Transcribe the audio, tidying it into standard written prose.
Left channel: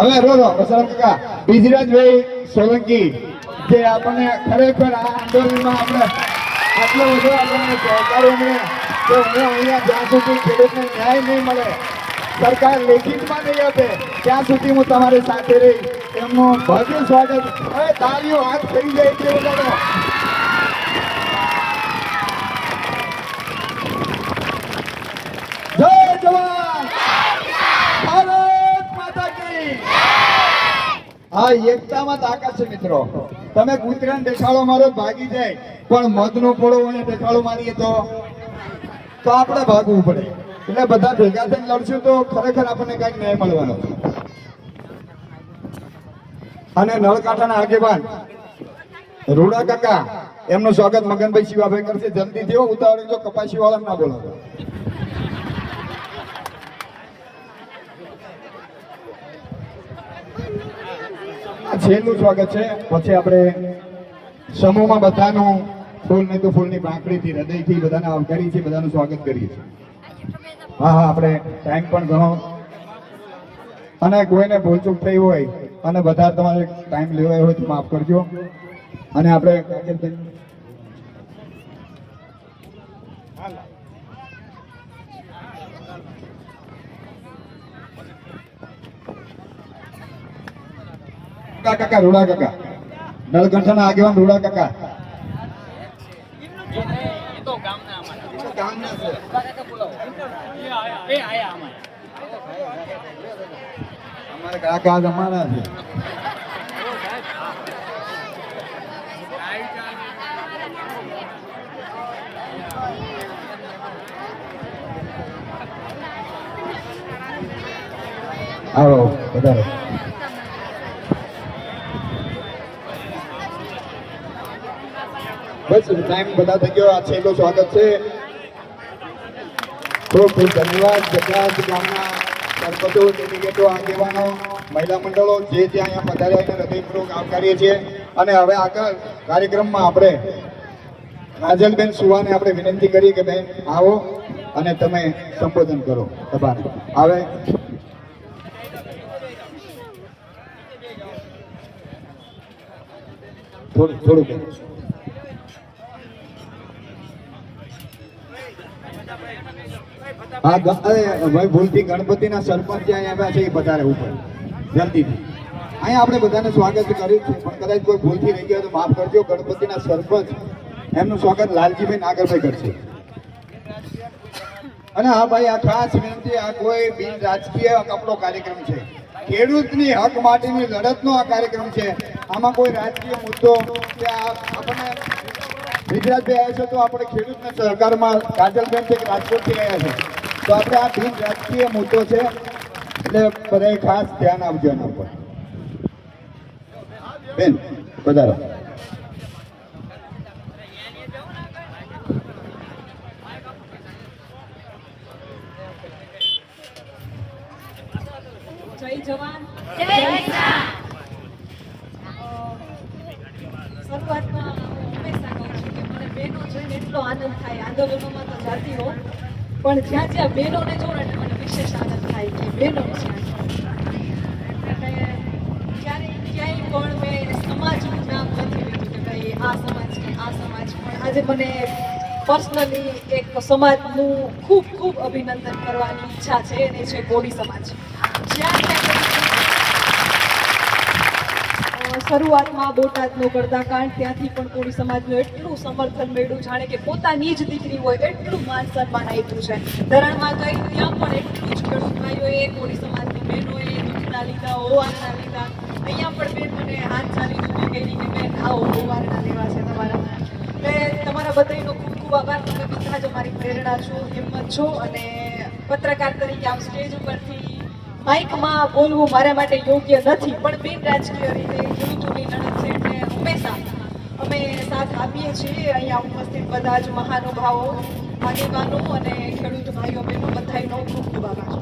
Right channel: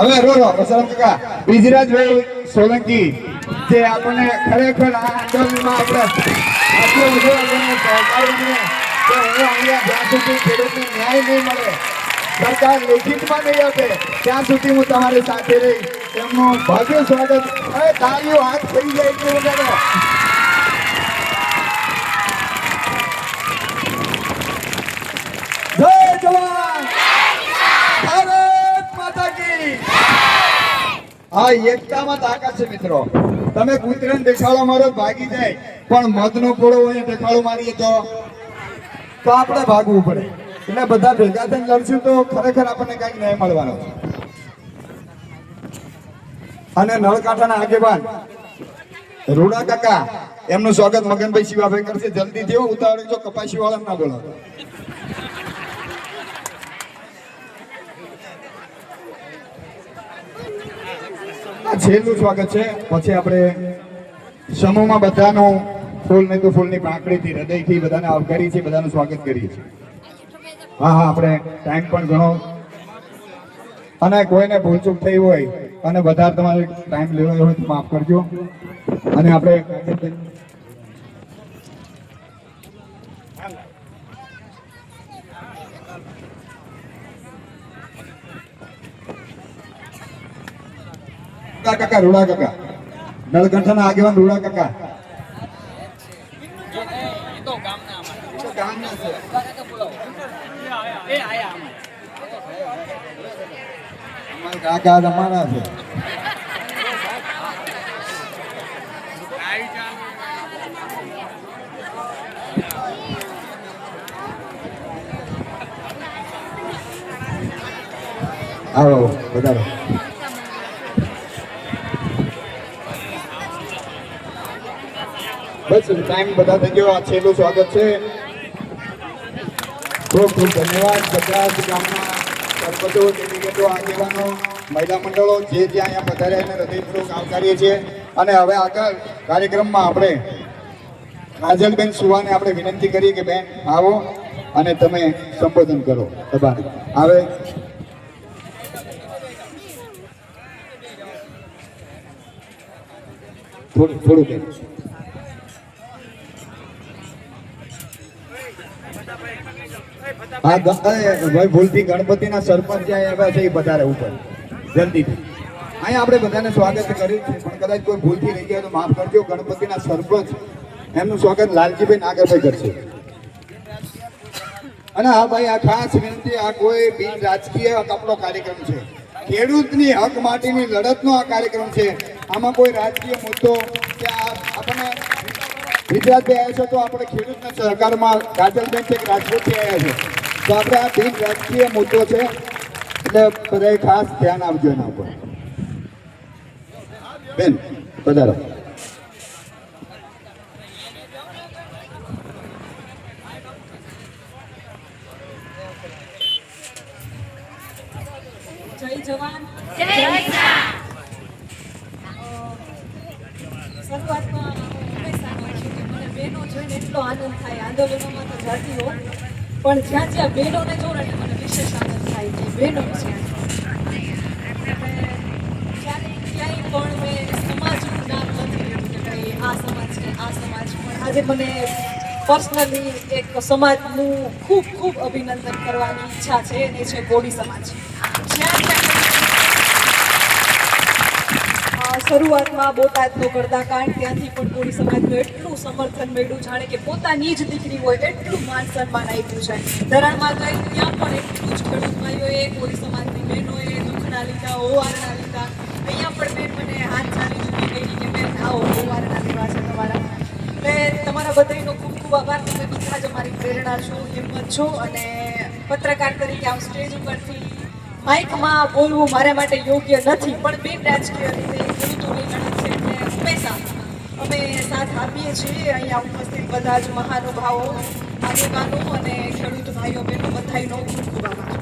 હવે રો વસંત કાકા બ્રિજરાજભાઈ સોલંકી જે આપણને ખરેખર આ આંદોલનમાં આપણે આટલો બધો આપણને સહકારોને જ્યાં સુધી ખેડૂતને ન્યાય નહીં મળે, સરકાર લેખિતમાં નહીં આપે ત્યાં સુધી હું તમારી સાથે રહી. એમનું ભવ્ય સ્વાગત તાળીઓ હાથ થઈ જાય એટલું વધારે. જય જવાન, ભારત માતા કી. હા, એકતામાં તાકાત છે મિત્રો. તમે કૂતરાને દેખાડો મારો ભાગી જાય, પણ મધનો પોળો હોય દેખાડો મારીએ તો આપણે ભાગવું પડે. એટલે બધા ભેગા થઈને લડશું તો ખરેખર આપણને કઈક ન્યાય મળવાનો. અને નળકાંઠાના આગેવાન રૂડા કાકા, એમનું સ્વાગત મગનભાઈ શિવાભાઈ કરશે. જલ્દી થયો ઉતાવળ, જો કપાસી વાળા ના બોલાવો. છેલ્લું સ્વાગત છે. પછી આપણે સમૂહમાં બધાનું ફૂલ ને તો ફૂલની પાંખડીથી હૃદયથી બધાને આવકારી છે, બધાનું સ્વાગત કરીએ છીએ. હા, આપણે ટાઈમ પણ ઘણો, અને કોઈને ભૂલચૂક થઈ હોય અને બધા તમારે ટાઈમ લેવાયો હોય તો માફ કરજો. અને આપણે કાકા રૂડા કાકા, નળકંઠાના આગેવાન રૂડા કાકા. કાકા અમારા છે. આવો વધારે. બસ ટાઈમ બધા થઈ ગયો. આ છેલ્લું સ્વાગત છે. ખૂબ ખૂબ ધન્યવાદ. જગરાજ ગામના સરપંચો, ડેલિગેટો, આગેવાનો, મહિલા મંડળો જે ત્યાં અહીંયા પધાર્યા એને હૃદયપૂર્વક આવકારીએ છીએ. અને હવે આગળ કાર્યક્રમમાં આપણે કાજલબેન સુવાને આપણે વિનંતી કરી કે બેન આવો અને તમે સંબોધન કરો સભાને. આવે થોડું બેન. હા ભાઈ, ભૂલથી ગણપતિના સરપંચ જ્યાં આવ્યા છે એ બધારે ઉપર જલ્દીથી. અહીંયા આપણે બધાને સ્વાગત કર્યું છે, પણ કદાચ કોઈ ભૂલથી રહી ગયો તો માફ કરજો. ગણપતિના સરપંચ એમનું સ્વાગત લાલજીભાઈ નાગરભાઈ કરશે. અને હા ભાઈ, આ ખાસ વિનંતી, આ કોઈ બિન રાજકીય આપણો કાર્યક્રમ છે. ખેડૂતની હક માટેની લડતનો આ કાર્યક્રમ છે. આમાં કોઈ રાજકીય મુદ્દો આપણને ગુજરાતભાઈ આવ્યા છે તો આપણે ખેડૂતના સહકારમાં કાજલબેન છે રાજકોટથી આવ્યા છે તો આપણે આ બિન રાજકીય મુદ્દો છે, એટલે બધાએ ખાસ ધ્યાન આપજો એના ઉપર. બેન પધારો. જય જવાન, જય કિસાન. શરૂઆતમાં હંમેશા કહું છું કે મને બહેનો જોઈને એટલો આનંદ થાય. આંદોલનોમાં તો જતી હોઉં, પણ જ્યાં જ્યાં બહેનોને જોડે મને વિશેષ આનંદ થાય કે બહેનો છે. ક્યાંય પણ મેં સમાજનું નામ નથી લીધું કે ભાઈ આ સમાજ કે આ સમાજ. આજે મને પર્સનલી એક સમાજનું ખૂબ ખૂબ અભિનંદન કરવાની ઈચ્છા છે, એ છે કોળી સમાજ. શરૂઆતમાં બોટાદનું કરતા કારણ ત્યાંથી પણ કોળી સમાજનું એટલું સમર્થન મળ્યું, જાણે કે પોતાની જ દીકરી હોય એટલું માન સન્માન આપ્યું છે. ધરણમાં ગઈ ત્યાં પણ એટલું જ ખેડૂત ભાઈઓએ, કોળી સમાજની બહેનોએ મખણા લીધા, હોવારણા લીધા. અહીંયા પણ બેન મને હાથ ચાલી કહી કે બેન આવો હોવારણા લેવા છે તમારા. એટલે તમારા બધાનો ખૂબ ખૂબ આભાર. તમે બધા જ અમારી પ્રેરણા છો, હિંમત છો. અને પત્રકાર તરીકે આમ સ્ટેજ ઉપરથી માઇકમાં બોલવું મારા માટે યોગ્ય નથી, પણ બિન રાજકીય રીતે ખેડૂતોની લડત છે કે હંમેશા અમે સાથ આપીએ છીએ. અહીંયા ઉપસ્થિત બધા જ મહાનુભાવો, આગેવાનો અને ખેડૂત ભાઈઓ બહેનો બધાનો ખૂબ ખૂબ આભાર.